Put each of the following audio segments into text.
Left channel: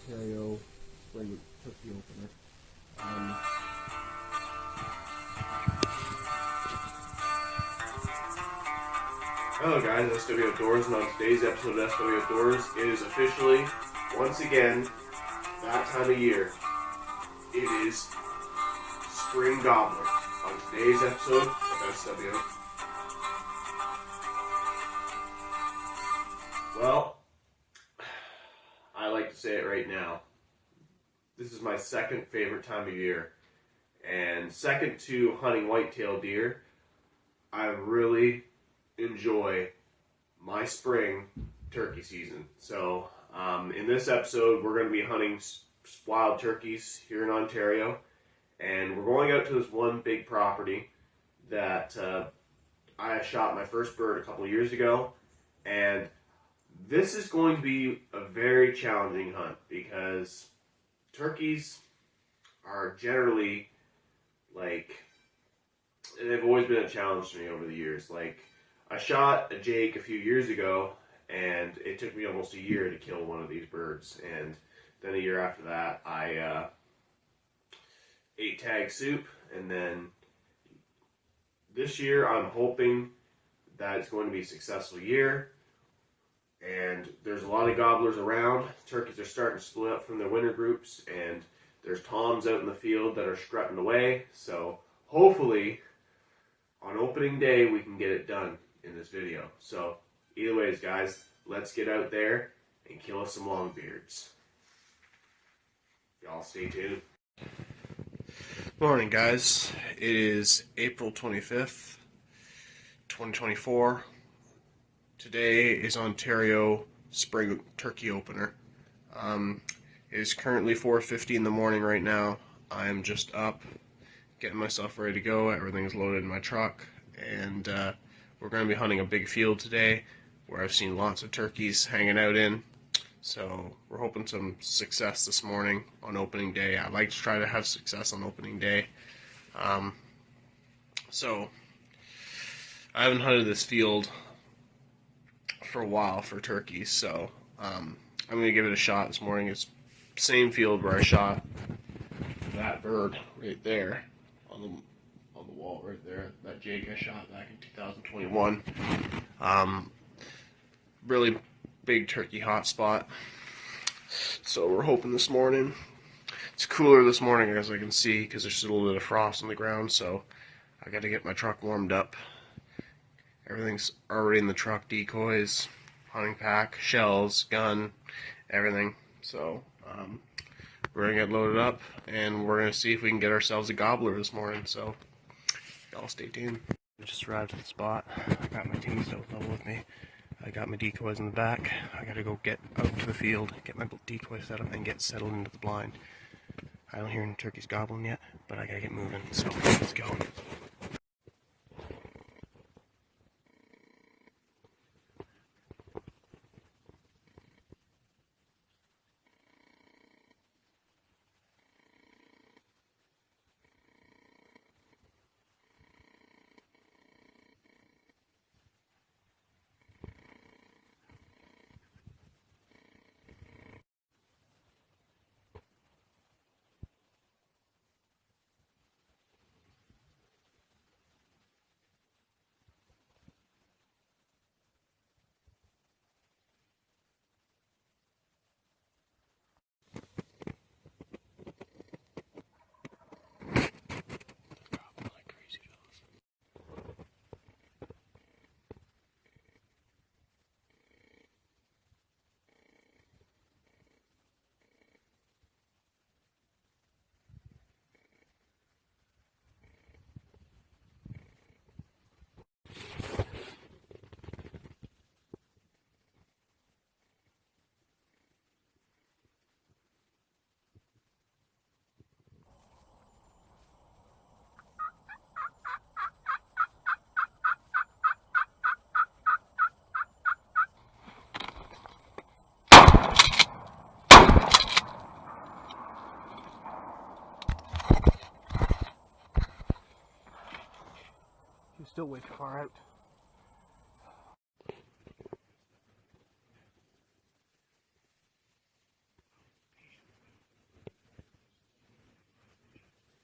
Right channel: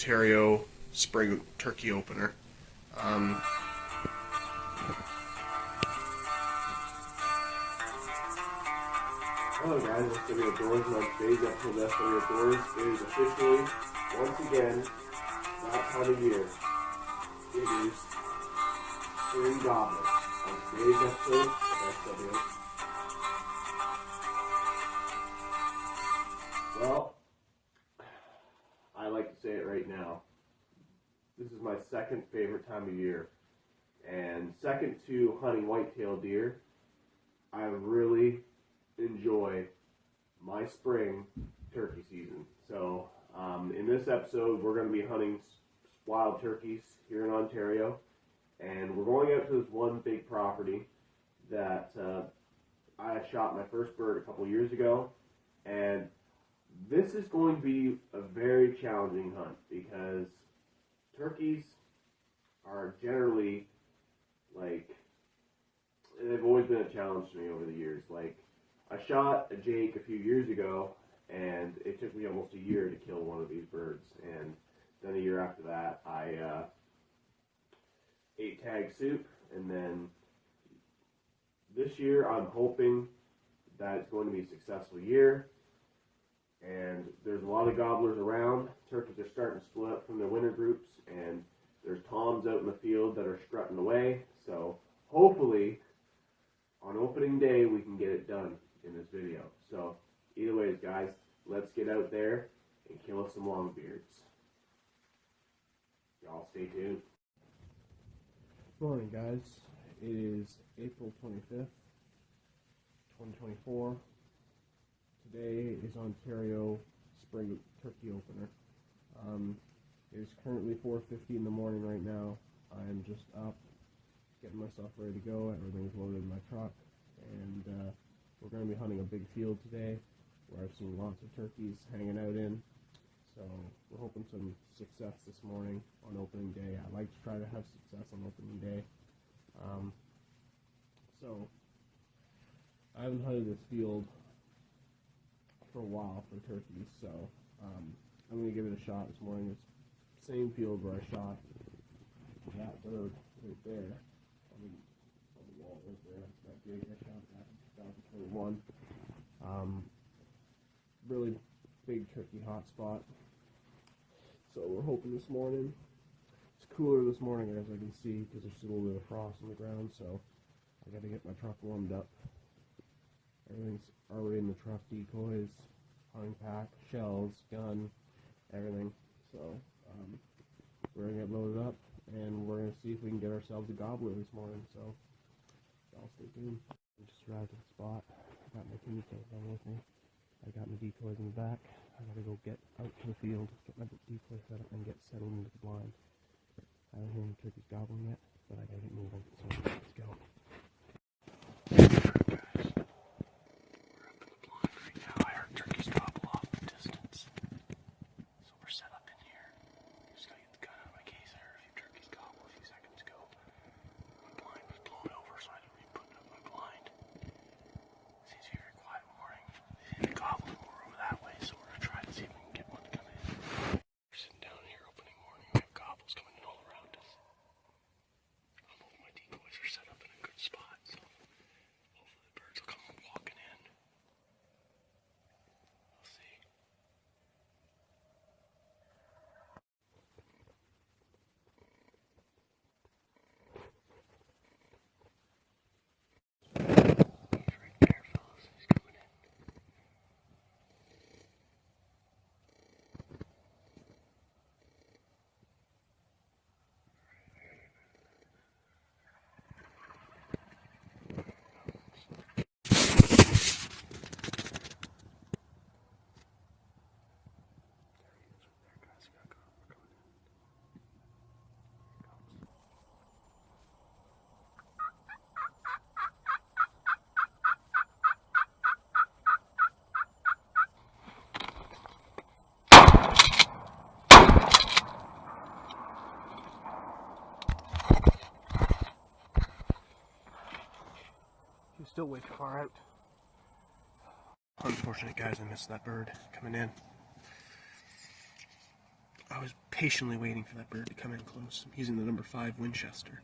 Ontario spring turkey opener. Hello guys, SW Outdoors, and on today's episode of SW Outdoors, it is officially, once again, that time of year. It is spring gobbler. On today's episode of SW. Well, I like to say it right now. This is my second favorite time of year. And second to hunting white-tailed deer, I really enjoy my spring turkey season. So in this episode, we're going to be hunting wild turkeys here in Ontario. And we're going out to this one big property that I shot my first bird a couple years ago. And this is going to be a very challenging hunt because turkeys are generally, like, they've always been a challenge to me over the years. Like, I shot a Jake a few years ago, and it took me almost a year to kill one of these birds. And then a year after that, I ate tag soup. And then this year, I'm hoping that it's going to be a successful year. And there's a lot of gobblers around. Turkeys are starting to split up from their winter groups, and there's toms out in the field that are strutting away. So hopefully on opening day we can get it done in this video. So either ways, guys, let's get out there and kill us some longbeards. Y'all stay tuned. Morning, guys. It is April 25th, 2024. Today is Ontario spring turkey opener. It is currently 4:50 in the morning right now. I am just up, getting myself ready to go. Everything is loaded in my truck, and we're going to be hunting a big field today where I've seen lots of turkeys hanging out in. So we're hoping some success this morning on opening day. I like to try to have success on opening day. So I haven't hunted this field for a while for turkeys, so I'm going to give it a shot this morning. It's the same field where I shot that bird right there on the wall right there, that Jake I shot back in 2021. Really big turkey hot spot. So we're hoping this morning. It's cooler this morning, as I can see, because there's still a little bit of frost on the ground, so I got to get my truck warmed up. Everything's already in the truck: decoys, hunting pack, shells, gun, everything. So we're going to get loaded up, and we're going to see if we can get ourselves a gobbler this morning. So y'all stay tuned. I just arrived at the spot. I got my team stove level with me. I got my decoys in the back. I got to go get out to the field, get my decoy set up, and get settled into the blind. I don't hear any turkeys gobbling yet, but I got to get moving. So let's go. He's still way too far out. Unfortunate, guys, I missed that bird coming in. I was patiently waiting for that bird to come in close. I'm using the number 5 Winchester.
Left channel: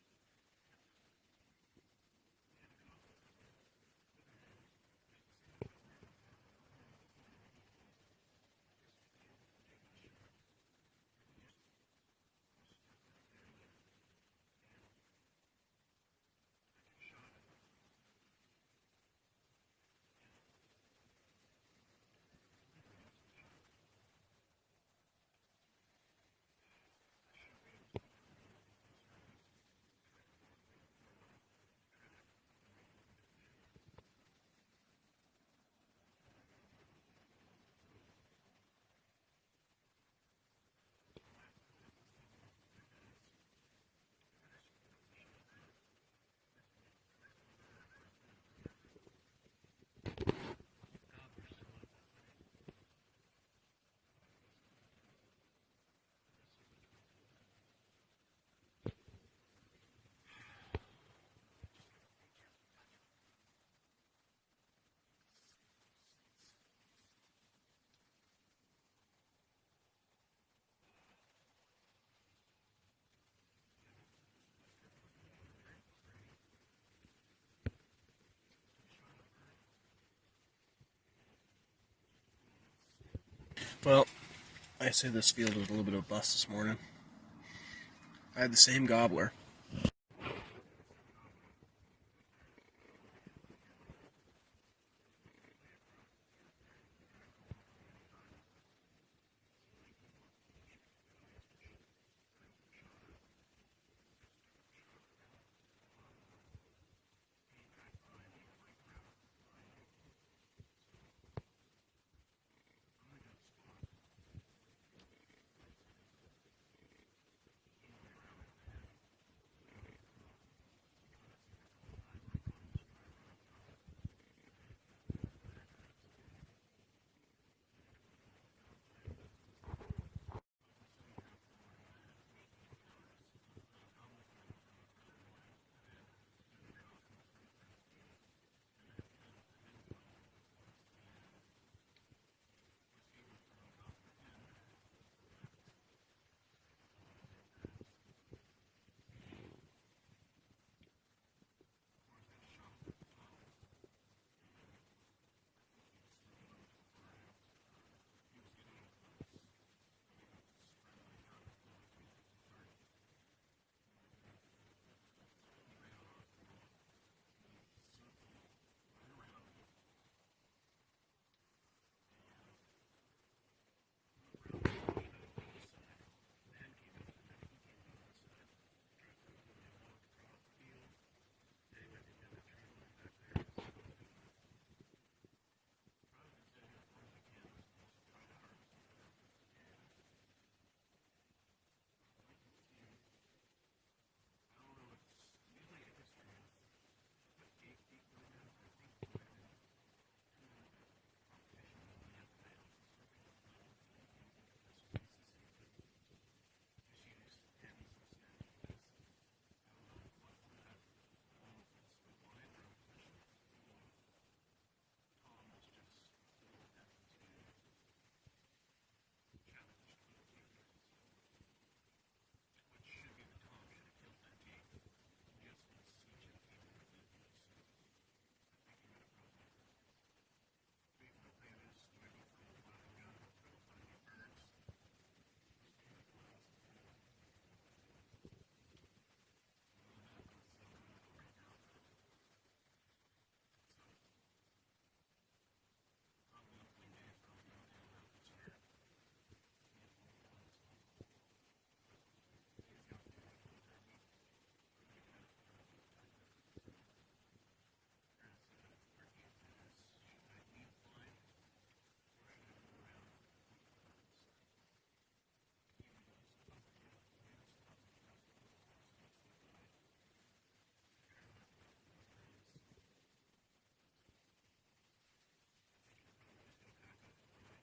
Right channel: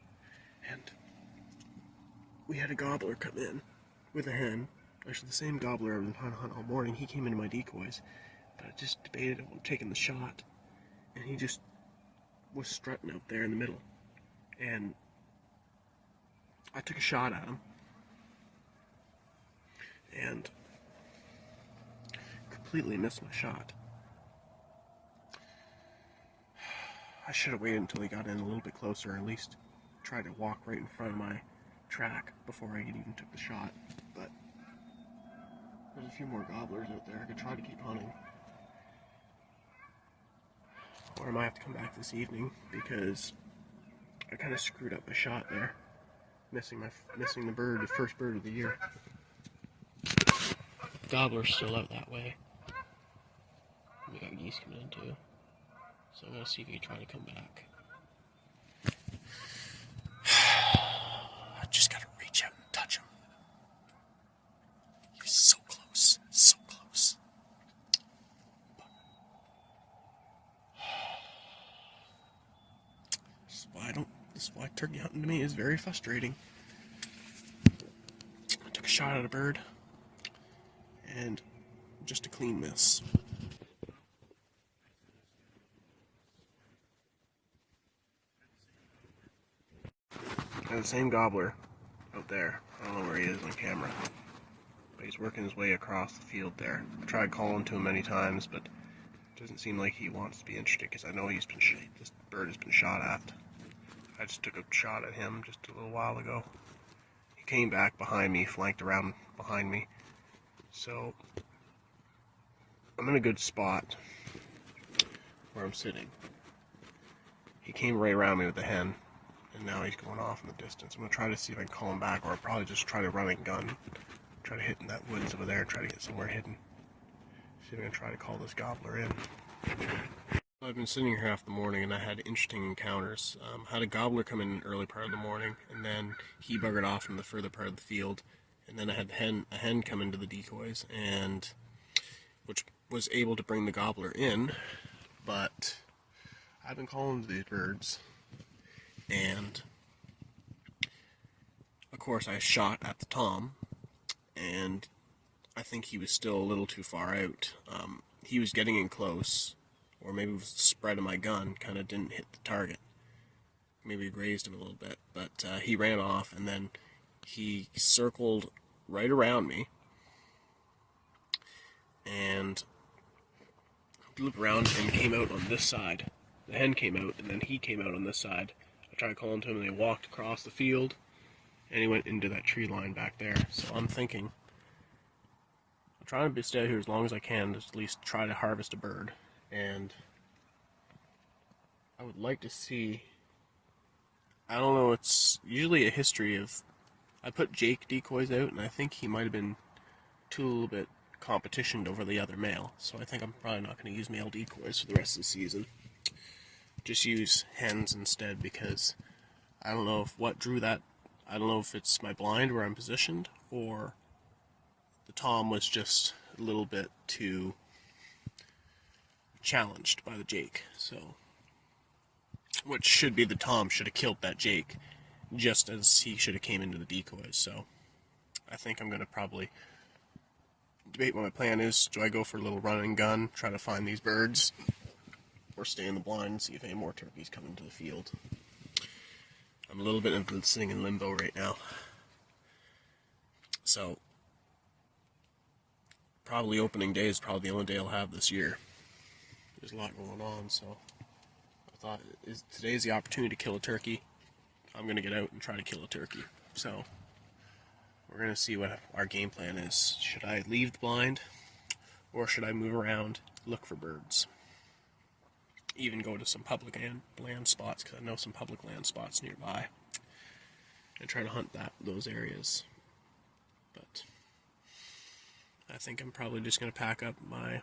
And we had a gobbler come in with a hen. Actually, the same gobbler I've been trying to hunt all morning. He came into my decoys, but I just debated on taking the shot, and he just was strutting out there in the middle. And I took a shot at him, and completely missed my shot. I should have waited until he got in a little bit closer, or at least tried to walk right in front of my track before I even took the shot. But there's a few more gobblers out there. I could try to keep hunting. Or I might have to come back this evening because I kind of screwed up my shot there. Missing the bird, the first bird of the year. Gobbler's still out that way. We got geese coming in too. So I'm gonna see if he try to come back. I just gotta reach out and touch him. He's so close, so close. This is why turkey hunting to me is very frustrating. I took a shot at a bird, and just a clean miss. Well, I say this field was a little bit of a bust this morning. I had the same gobbler. Out there. I don't know where he is on camera. But he's working his way across the field there. I tried calling to him many times, but it doesn't seem like he wants to be interested because I know this bird has been shot at. I just took a shot at him just a little while ago. He came back behind me, flanked around behind me. So I'm in a good spot where I'm sitting. He came right around me with the hen, and now he's going off in the distance. I'm going to try to see if I can call him back, or I'll probably just try to run and gun. Try to hit in that woods over there, try to get somewhere hidden. See if I can try to call this gobbler in. I've been sitting here half the morning, and I had interesting encounters. Had a gobbler come in early part of the morning, and then he buggered off in the further part of the field. And then I had a hen come into the decoys, and which was able to bring the gobbler in. But I've been calling to these birds, and of course I shot at the tom, and I think he was still a little too far out. He was getting in close, or maybe it was the spread of my gun kind of didn't hit the target. Maybe grazed him a little bit, but he ran off, and then he circled right around me, and looped around and came out on this side. The hen came out, and then he came out on this side. I tried calling to him, and they walked across the field, and he went into that tree line back there. So I'm thinking, I'm trying to stay here as long as I can, to at least try to harvest a bird. And I would like to see, I don't know, it's usually a history of, I put Jake decoys out, and I think he might have been a little bit competitioned over the other male, so I think I'm probably not going to use male decoys for the rest of the season. Just use hens instead, because I don't know if what drew that, I don't know if it's my blind where I'm positioned, or the tom was just a little bit too challenged by the Jake. So what should be the tom should have killed that Jake, just as he should have came into the decoys. So I think I'm going to probably debate what my plan is. Do I go for a little run and gun, try to find these birds, or stay in the blind and see if any more turkeys come into the field? I'm a little bit sitting in limbo right now. So probably opening day is probably the only day I'll have this year. There's a lot going on, so I thought today's the opportunity to kill a turkey. I'm going to get out and try to kill a turkey. So we're going to see what our game plan is. Should I leave the blind, or should I move around, look for birds? Even go to some public land spots, because I know some public land spots nearby, and try to hunt those areas. But I think I'm probably just going to pack up my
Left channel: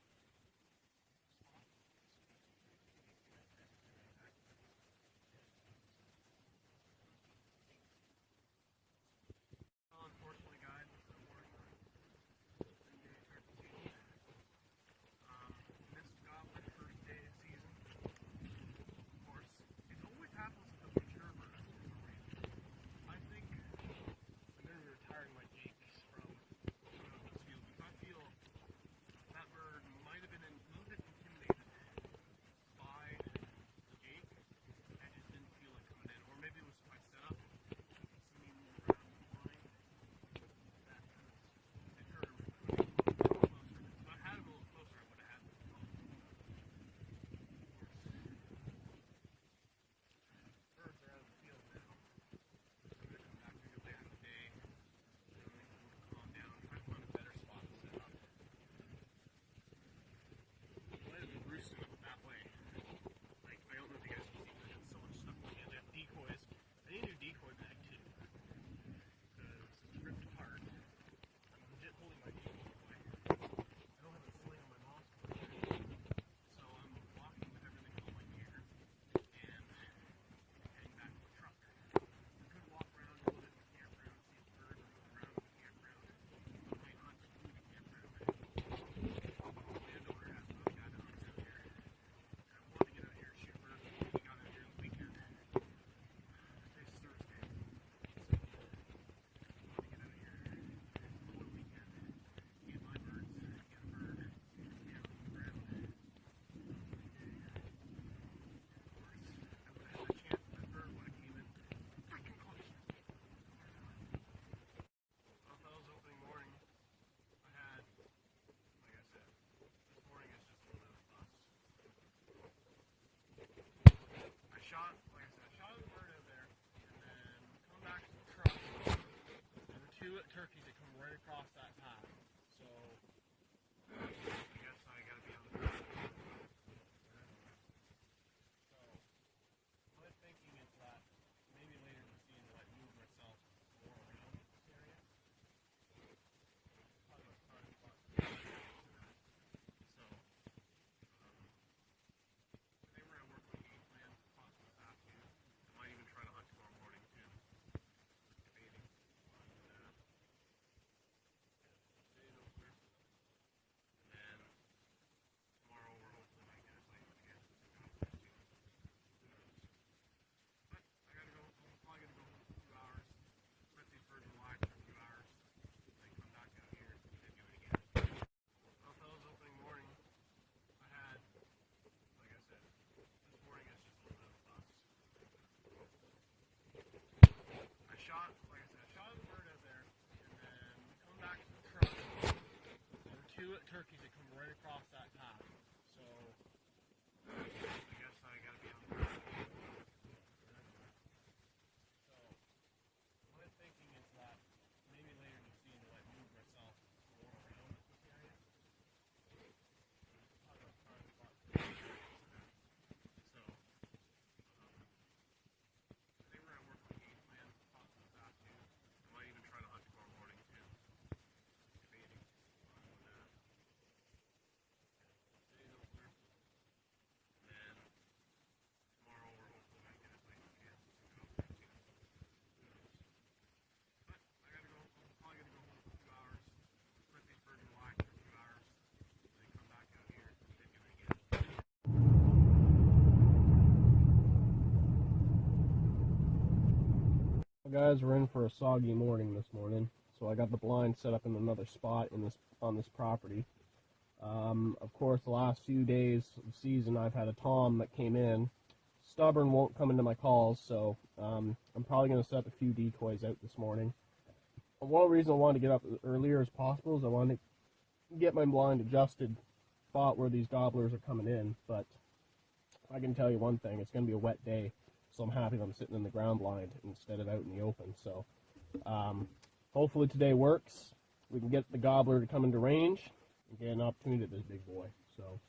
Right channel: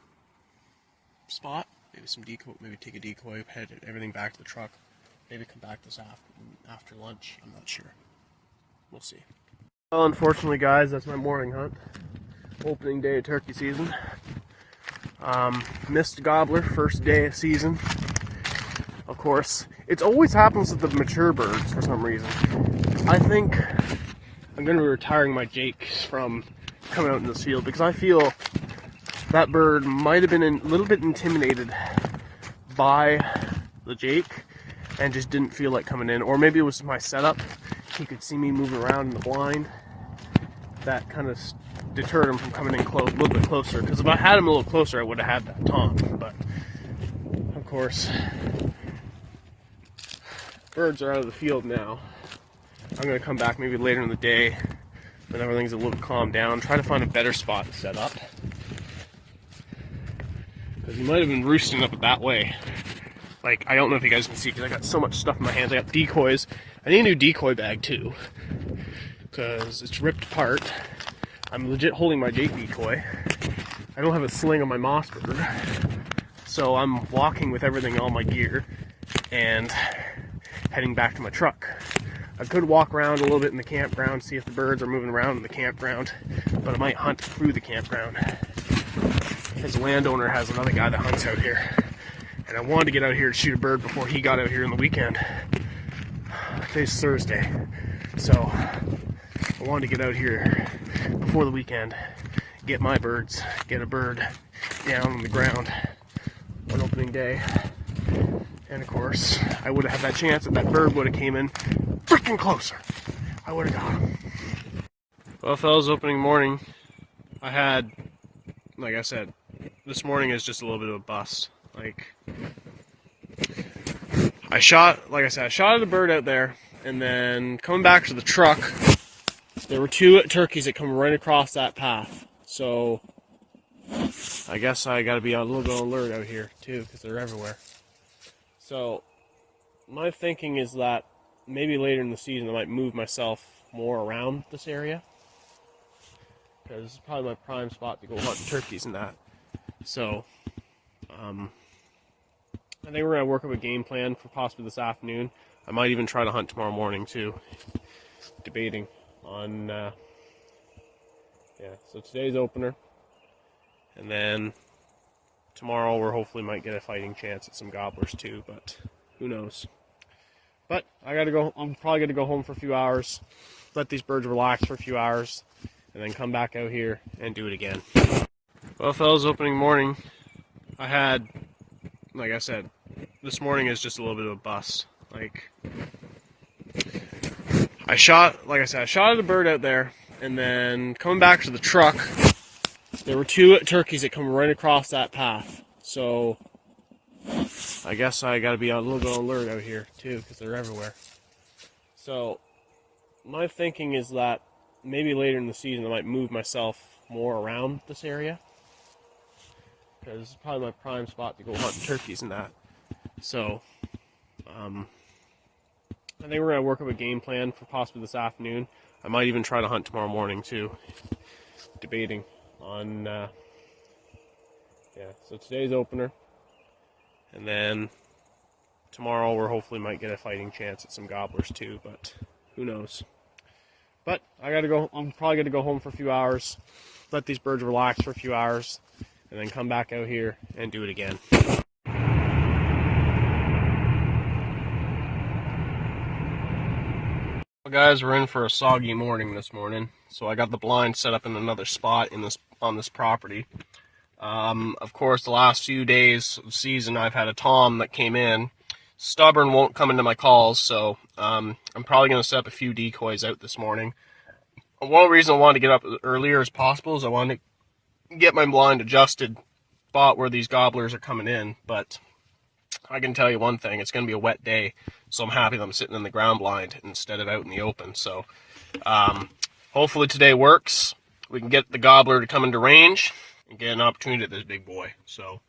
spot, maybe some decoy, maybe take a decoy, head everything back to the truck, maybe come back this after lunch. I'm not sure. We'll see. Well, unfortunately, guys, that's my morning hunt. Opening day of turkey season. Missed gobbler, first day of season. course, it always happens with the mature birds for some reason. I think I'm going to be retiring my jakes from coming out in this field because I feel that bird might have been a little bit intimidated by the jake and just didn't feel like coming in. Or maybe it was my setup. He could see me moving around in the blind. That kind of deterred him from coming in close, a little bit closer. Because if I had him a little closer, I would have had that tom. But of course, birds are out of the field now. I'm going to come back maybe later in the day when everything's a little calmed down, try to find a better spot to set up. Because he might have been roosting up that way. Like, I don't know if you guys can see because I got so much stuff in my hands. I got decoys. I need a new decoy bag too because it's ripped apart. I'm legit holding my jake decoy. I don't have a sling on my moss bird. So I'm walking with everything, all my gear, and heading back to my truck. I could walk around a little bit in the campground, see if the birds are moving around in the campground, but I might hunt through the campground. His landowner has another guy that hunts out here, and I wanted to get out here to shoot a bird before he got out here on the weekend. Today's Thursday, so I wanted to get out here before the weekend, get my birds, get a bird down on the ground on opening day. And of course, I would have had that chance if that bird would have came in freaking closer. I would have got him. Well, fellas, opening morning, I had, like I said, this morning is just a little bit of a bust. Like, I shot at a bird out there, and then coming back to the truck, there were two turkeys that come right across that path. So, I guess I gotta be a little bit alert out here too, because they're everywhere. So, my thinking is that maybe later in the season I might move myself more around this area, because it's probably my prime spot to go hunt turkeys and that. So, I think we're going to work up a game plan for possibly this afternoon. I might even try to hunt tomorrow morning too. Debating on, so today's opener. And then tomorrow we're hopefully might get a fighting chance at some gobblers too, but who knows. But I gotta go, I'm probably gonna go home for a few hours, let these birds relax for a few hours, and then come back out here and do it again. Well, fellas, opening morning, I had, like I said, this morning is just a little bit of a bust. Like, I shot at a bird out there, and then coming back to the truck, there were two turkeys that come right across that path. So, I guess I gotta be a little bit alert out here too, because they're everywhere. So, my thinking is that maybe later in the season I might move myself more around this area, because it's probably my prime spot to go hunt turkeys and that. So, I think we're going to work up a game plan for possibly this afternoon. I might even try to hunt tomorrow morning too. Debating on, so today's opener. And then tomorrow we're hopefully might get a fighting chance at some gobblers too, but who knows. But I gotta go, I'm probably gonna go home for a few hours, let these birds relax for a few hours, and then come back out here and do it again. Well, guys, we're in for a soggy morning this morning. So I got the blind set up in another spot on this property. Of course, the last few days of the season, I've had a tom that came in. Stubborn, won't come into my calls, so I'm probably going to set up a few decoys out this morning. One reason I wanted to get up as earlier as possible is I wanted to get my blind adjusted spot where these gobblers are coming in, but I can tell you one thing, it's going to be a wet day, so I'm happy that I'm sitting in the ground blind instead of out in the open. So hopefully today works. We can get the gobbler to come into range and get an opportunity at this big boy. So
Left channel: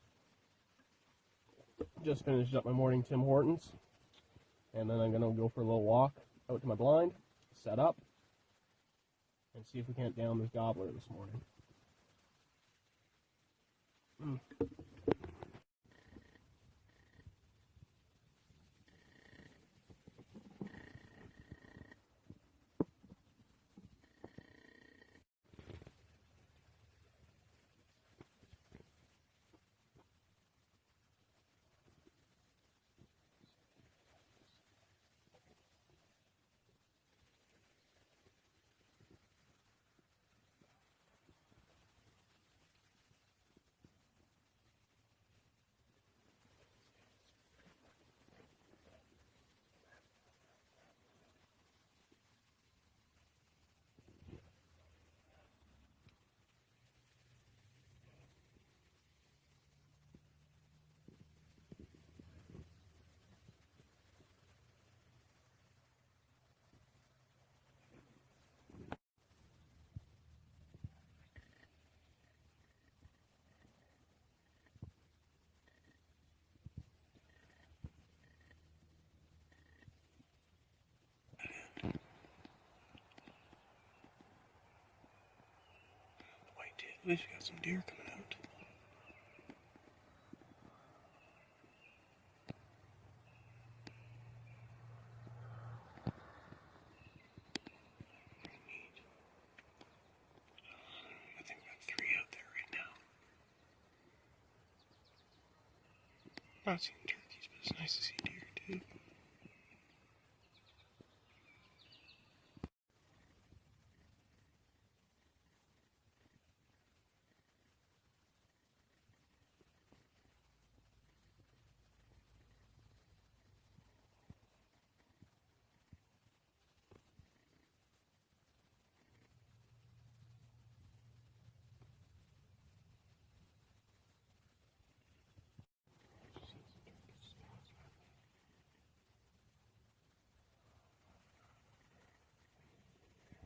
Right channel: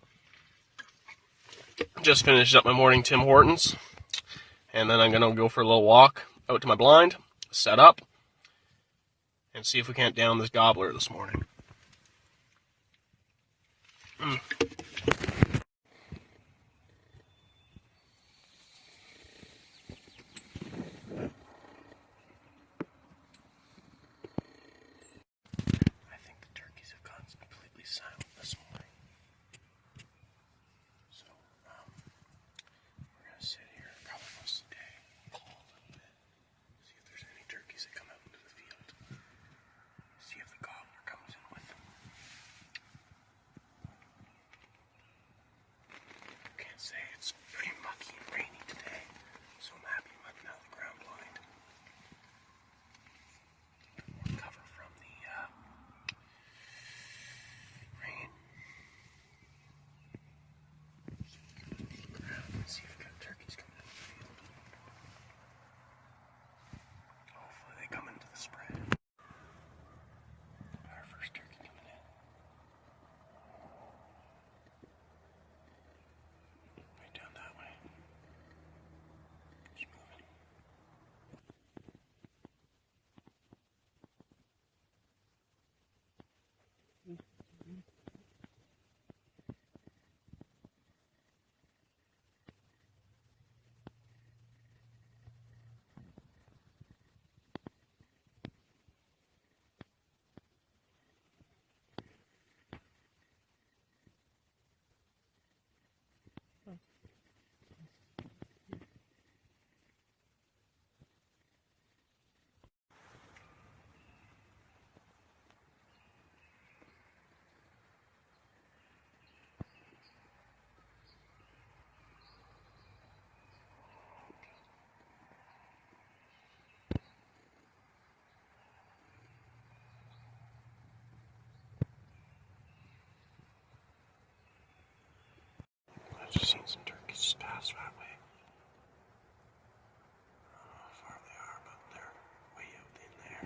just finished up my morning Tim Hortons, and then I'm going to go for a little walk out to my blind, set up, and see if we can't down this gobbler this morning. Sit can't say. It's pretty mucky and rainy today, so I'm happy I'm letting out the ground blind. More cover from the rain. Let's see if we've got turkeys coming in the field. Hopefully they come into the spread. Our first turkey coming in. Right down that way. Keep moving. White tail. At least we got some deer coming out. Neat. I think we got 3 out there right now. Not seeing turkeys, but it's nice to see deer too. I've just seen some turkeys just pass that way. I don't know how far they are, but they're way out in there.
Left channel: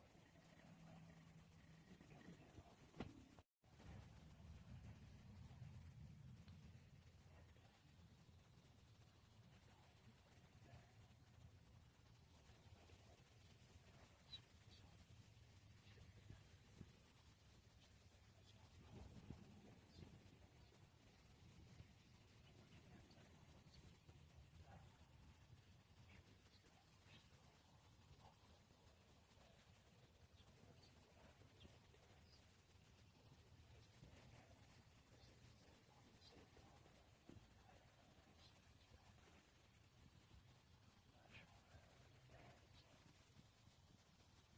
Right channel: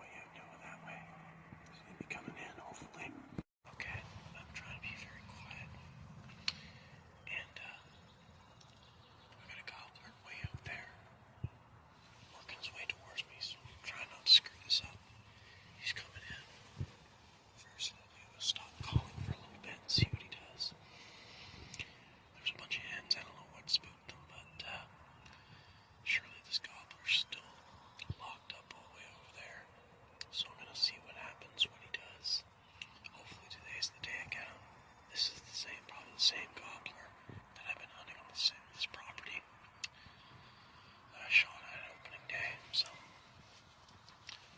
Way out down that way. So they'll be coming in, hopefully. Okay, I'm trying to be very quiet. And, I got a gobbler way out there. Working his way towards me, so I'm trying not to screw this up. He's coming in. First, I'm going to stop calling for a little bit and see what he does. There's a bunch of hens. I don't know what spooked them, but surely this gobbler's still locked up all the way over there. So I'm gonna see what happens, what he does. Hopefully today's the day I get him. This is the same, probably the same gobbler that I've been hunting on this property that I shot at opening day. So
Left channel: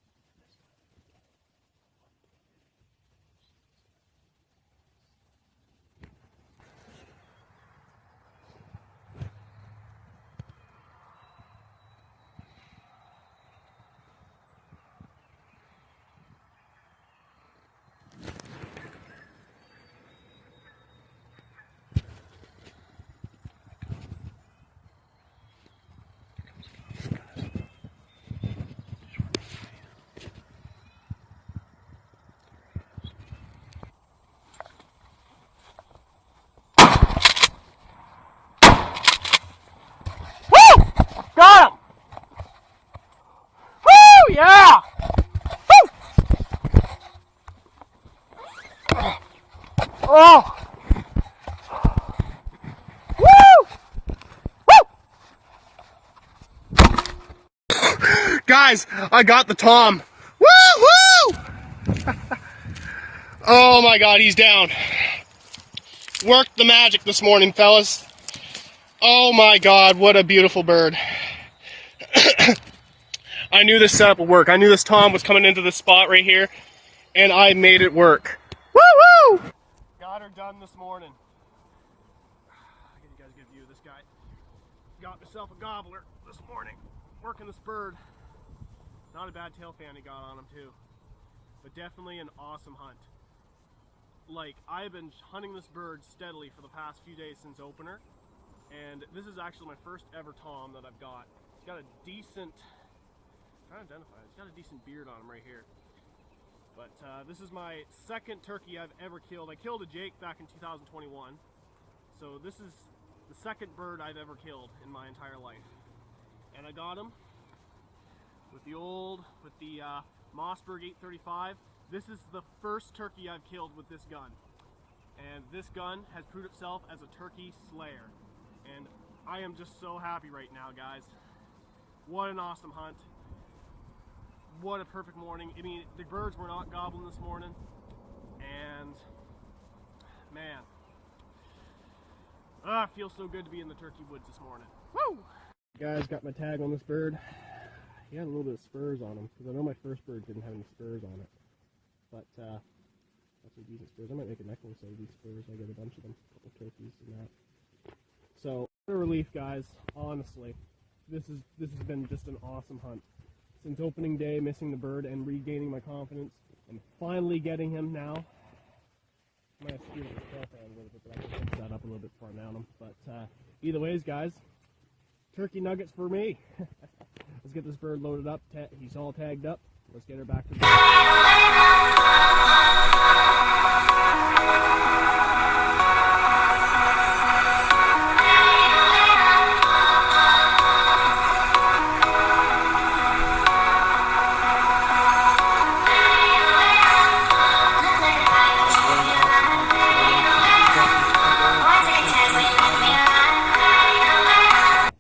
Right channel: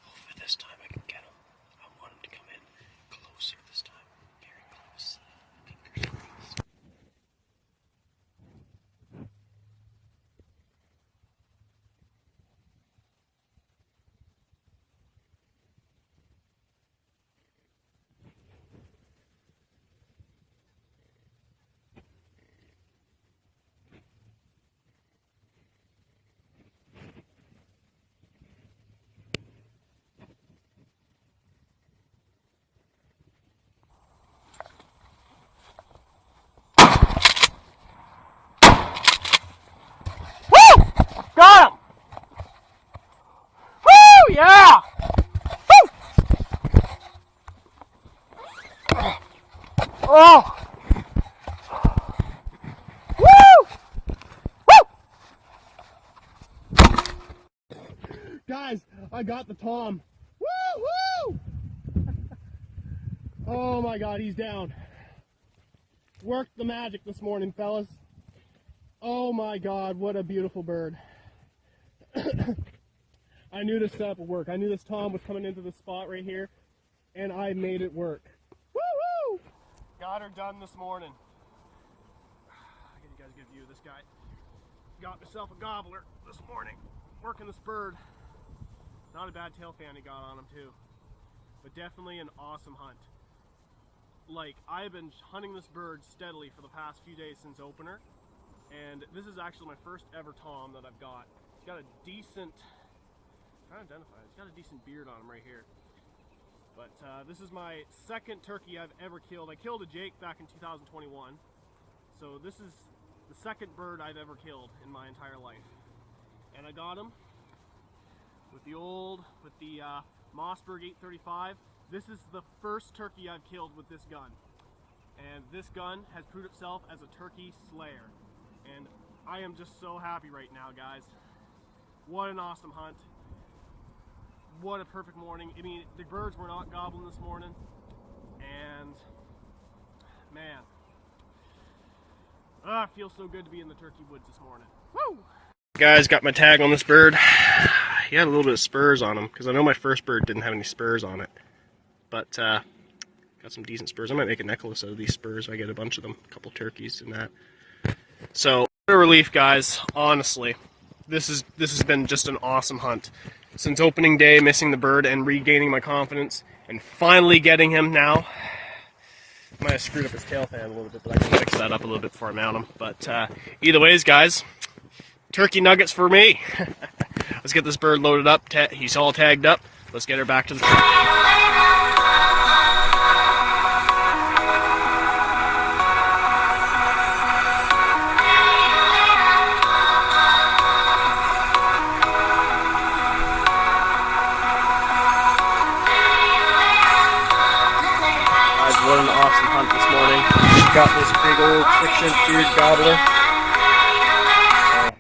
hopefully this time I can get him. I want him to come in closer this time. Very close. Fingers crossed. Got him! Woo! Yeah! Woo! Oh! Woo! Woo! Guys, I got the tom. Woo! Woo! Oh my God, he's down. Worked the magic this morning, fellas. Oh my God, what a beautiful bird. I knew this setup would work. I knew this tom was coming into this spot right here, and I made it work. Woo-woo! Got her done this morning. I'll give you guys a good view of this guy. Got myself a gobbler this morning, working this bird. Not a bad tail fan he got on him too, but definitely an awesome hunt. Like, I've been hunting this bird steadily for the past few days since opener, and this is actually my first ever tom that I've got. He's got a decent, I'm trying to identify it, he's got a decent beard on him right here. But this is my second turkey I've ever killed. I killed a Jake back in 2021, so this is the second bird I've ever killed in my entire life. And I got him with the Mossberg 835. This is the first turkey I've killed with this gun. And this gun has proved itself as a turkey slayer. And I am just so happy right now, guys. What an awesome hunt. What a perfect morning. I mean, the birds were not gobbling this morning. And, man. It feels so good to be in the turkey woods this morning. Woo! Guys, got my tag on this bird. He had a little bit of spurs on him, because I know my first bird didn't have any spurs on it. But got Got some decent spurs. I might make a necklace out of these spurs. I get a bunch of them, a couple turkeys and that. So, what a relief, guys. Honestly, this has been just an awesome hunt. Since opening day, missing the bird and regaining my confidence, and finally getting him now. Might have screwed up his tail fan a little bit, but I can fix that up a little bit before I mount him. But either ways, guys, turkey nuggets for me. Let's get this bird loaded up. He's all tagged up. Let's get her back to the...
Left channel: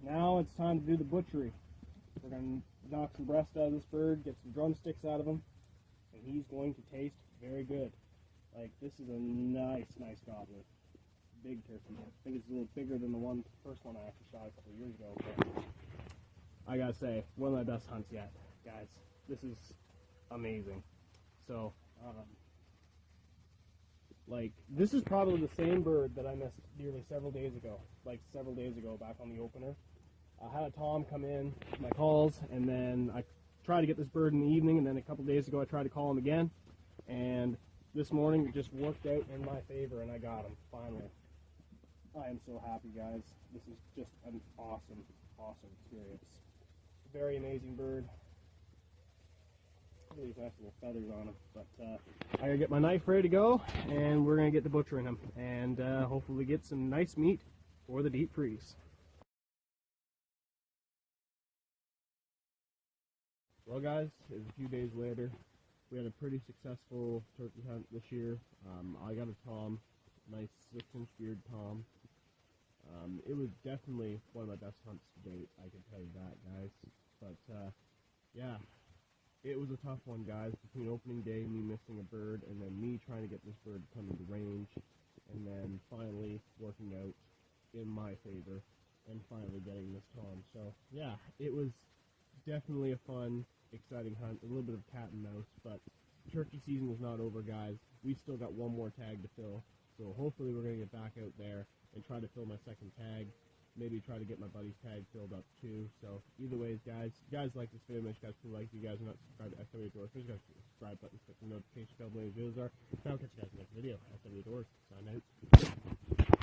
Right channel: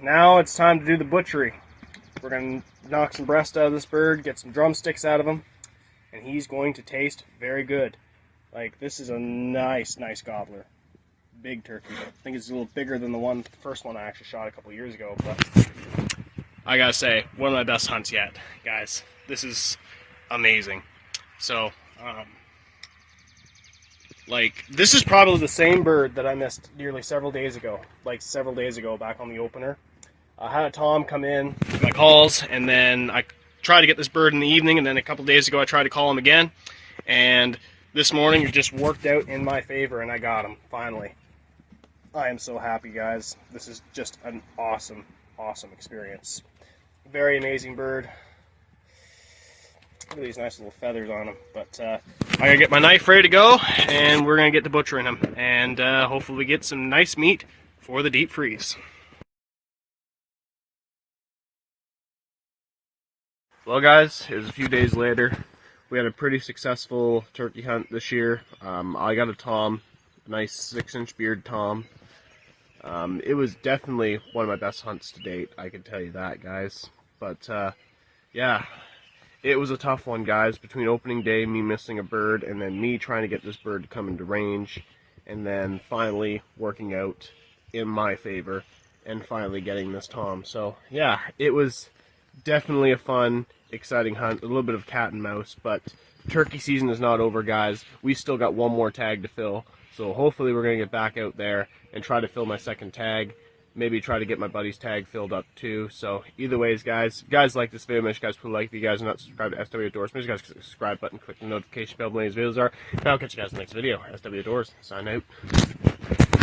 Now it's time to do the butchery. We're going to knock some breast out of this bird, get some drumsticks out of him, and he's going to taste very good. Like, this is a nice gobbler. Big turkey. I think it's a little bigger than the first one I actually shot a couple years ago, but I gotta say, one of my best hunts yet, guys. This is amazing. So, like, this is probably the same bird that I missed nearly several days ago. Like, several days ago back on the opener. I had a Tom come in with my calls, and then I tried to get this bird in the evening, and then a couple days ago I tried to call him again. And this morning it just worked out in my favor, and I got him, finally. I am so happy, guys. This is just an awesome experience. Very amazing bird. Look at these nice little feathers on him. But I gotta get my knife ready to go, and we're gonna get to butchering him, and hopefully we get some nice meat for the deep freeze. Well, guys, it was a few days later. We had a pretty successful turkey hunt this year. I got a Tom, a nice 6-inch beard Tom. It was definitely one of my best hunts to date, I can tell you that, guys. But yeah, it was a tough one, guys, between opening day, me missing a bird, and then me trying to get this bird to come into range, and then finally working out in my favor, and finally getting this Tom. So yeah, it was definitely a fun, exciting hunt, a little bit of cat and mouse, but turkey season is not over, guys. We still got one more tag to fill, so hopefully we're going to get back out there and try to fill my second tag, maybe try to get my buddy's tag filled up too. So either ways, guys, if you guys like this video, make sure you guys put a like. If you guys are not subscribed to SW Outdoors, make sure you guys click the subscribe button, click the notification bell when these videos are, and I'll catch you guys in the next video. SW Outdoors, sign out.